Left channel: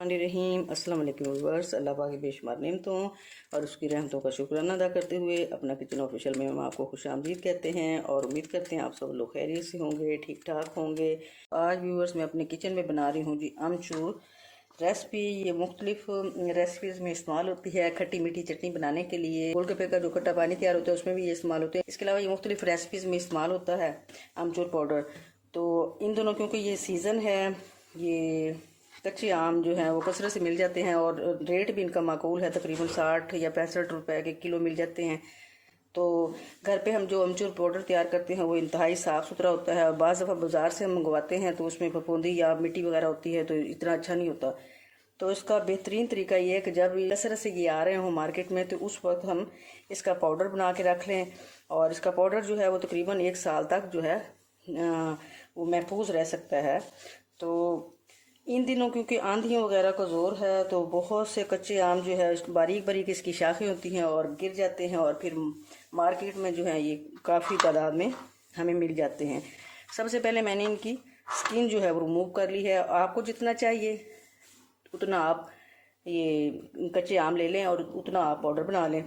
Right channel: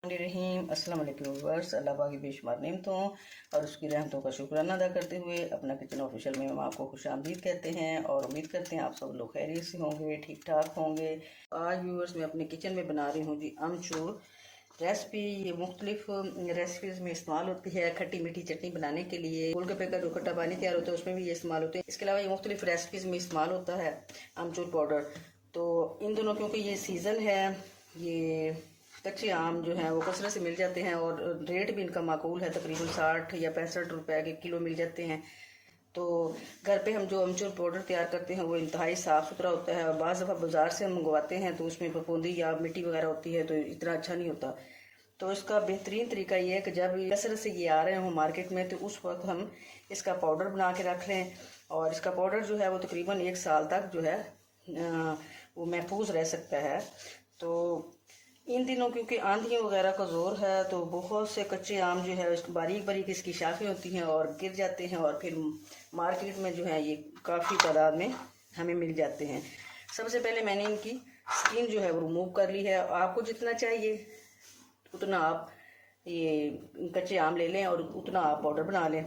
रहीम अस्सलाम वालेकुम व्यूअर्स। अल्लाह पाक की बेशुमार नेमतों और उसकी रहमतों का शुक्राना अदा करते हुए अपना किचन ऑफिशियल में हम आपको खुशामदीद कहते हैं और उम्मीद करते हैं आप सब लोग खैरियत से होंगे, ठीक ठाक होंगे। आज व्यूअर्स मैं अपने किचन में बना रही हूँ जी अमचूर रेसिपी। ये मुख्तलिफ रेसिपीज़ में इस्तेमाल होती है। खट्टी मीठी चटनी बनाने के लिए, गोलगप्पे का जो खट्टा पानी तैयार होता है उसमें भी ये इस्तेमाल होते हैं। इसके अलावा ये मुख्तलिफ रेसिपीज़ में इस्तेमाल होता है अमचूर पाउडर। तो इन दोनों क्योंकि ये सीज़न है, ये कच्चे आम जो हैं वो कसरत से मिल जाते हैं और रेट भी इनका माकूल है, तकरीबन 60 या 65 रुपए के किलो मिल जाते हैं। तो घर पे हम जो अमचूर पाउडर तैयार करते हैं वो इंतहाई साफ़ सुथरा होता है और बाज़ दफ़ा बाज़ार से हम मंगवाते हैं तो उसमें फफूंदी या मिट्टी वगैरह होती है तो इतना अच्छा नहीं होता। तो इसका बेहतरीन तरीका ये है कि जब कसरत से ये आ रहे हो मार्केट में तो उस वक्त हम इसका पाउडर बना के रख लें और इसका पाउडर जो है वो तकरीबन 1 साल तक जो है वो महफूज रह सकता है। तो इन दिनों क्योंकि आंधियों वगैरह का जोर है तो बहुत से कच्चे आम जो है बारीक बारीक इसकी शाखें होती हैं और गिर जाते हैं और फिर मार्केट में जो है ये काफ़ी तादाद में हमें मिल जाते हैं। सबसे पहले मैंने इनकी स्किन जो है वो रिमूव कर ली है। आपको जितना चाहिए उतना आप ये कच्चे आम ले लें और उतना आप पाउडर बना लें।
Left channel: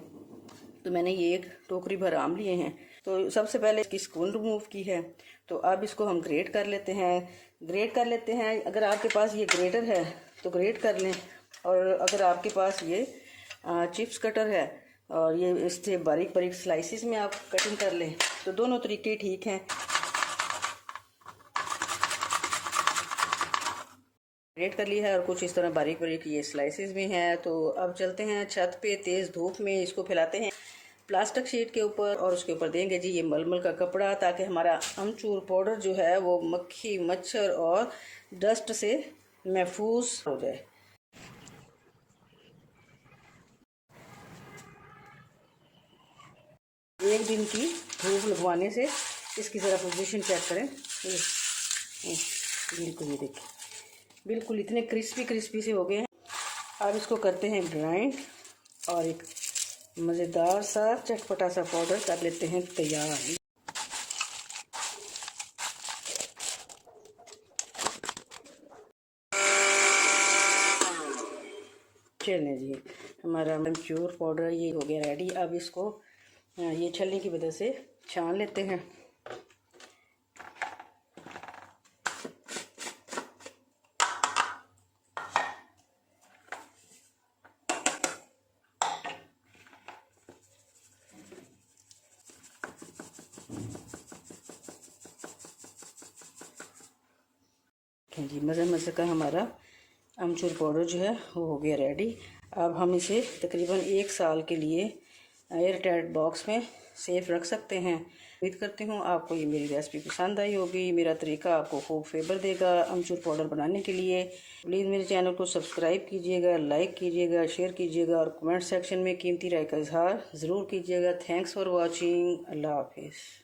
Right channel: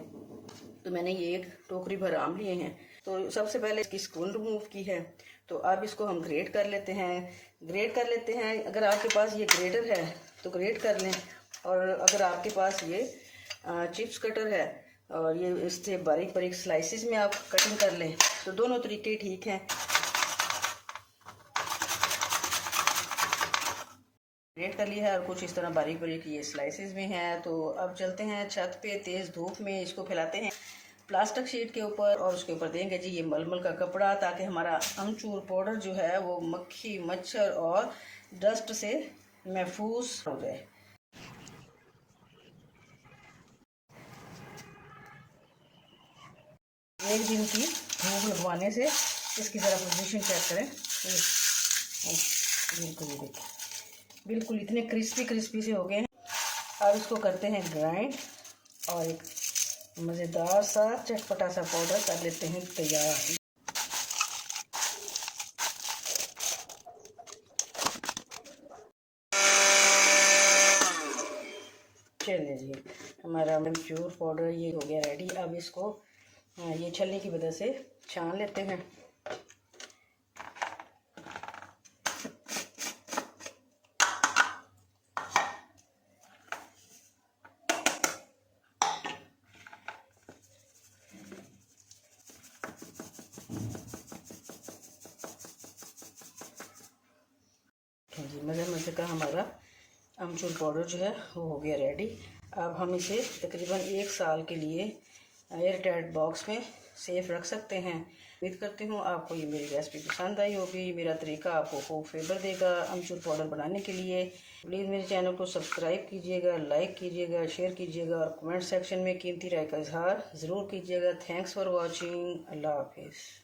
तो मैंने ये 1 टोकरी भर आम लिए हैं। तो सबसे पहले इसकी स्किन रिमूव की है। तो अब इसको हम ग्रेट कर लेते हैं। अगर आपके पास ये ग्रेटर है तो ग्रेट कर लें और अगर आपके पास ये चिप्स कटर है और ये इससे बारीक बारीक स्लाइसिस में आप कटिंग कर लें तो दोनों तरीके ठीक हैं। ग्रेट कर लिया है और कुछ इस तरह बारीक बारीक ये स्लाइसिस में है। तो अब चलते हैं छत पे, तेज़ धूप में इसको फैलाते हैं प्लास्टिक शीट के ऊपर और उसके ऊपर देंगे जी ये मलमल का कपड़ा, ताकि हमारा अमचूर पाउडर जो है वो मक्खी मच्छर और डस्ट से महफूज हो जाए। एक दिन की धूप लगवाने से इसकी ज़रा पोजीशन चेक करें। बिल्कुल ये देखिए, बिल्कुल इतने क्रिस्पी से हो गए हैं। अब इसको करते हैं ग्राइंड और एक मज़ेदार सा चटपटा सा पाउडर कर लेते हैं तैयार। चलिए जी हमारा अमचूर पाउडर ये हो गया रेडी। अब इसको ये छलनी की वजह से छान लेते हैं। जी मज़े का हमारा अमचूर पाउडर जो है वो हो गया रेडी। अब हम इसे तकरीबन 1 साल के लिए एयर टाइट बॉक्स में सेफ रख सकते हैं। उम्मीद करती हूँ आपको ये मेरी रेसिपी पसंद आई होगी। मेरा तरीका आपको खूब फेवर देगा अमचूर पाउडर बनाने के लिए। प्लीज़ मेरे चैनल को सब्सक्राइब कीजिएगा, लाइक कीजिएगा, शेयर कीजिएगा और कमेंट सेक्शन में कीमती राय का इजहार ज़रूर कीजिएगा। Thanks for watching. अल्लाह हाफिज़।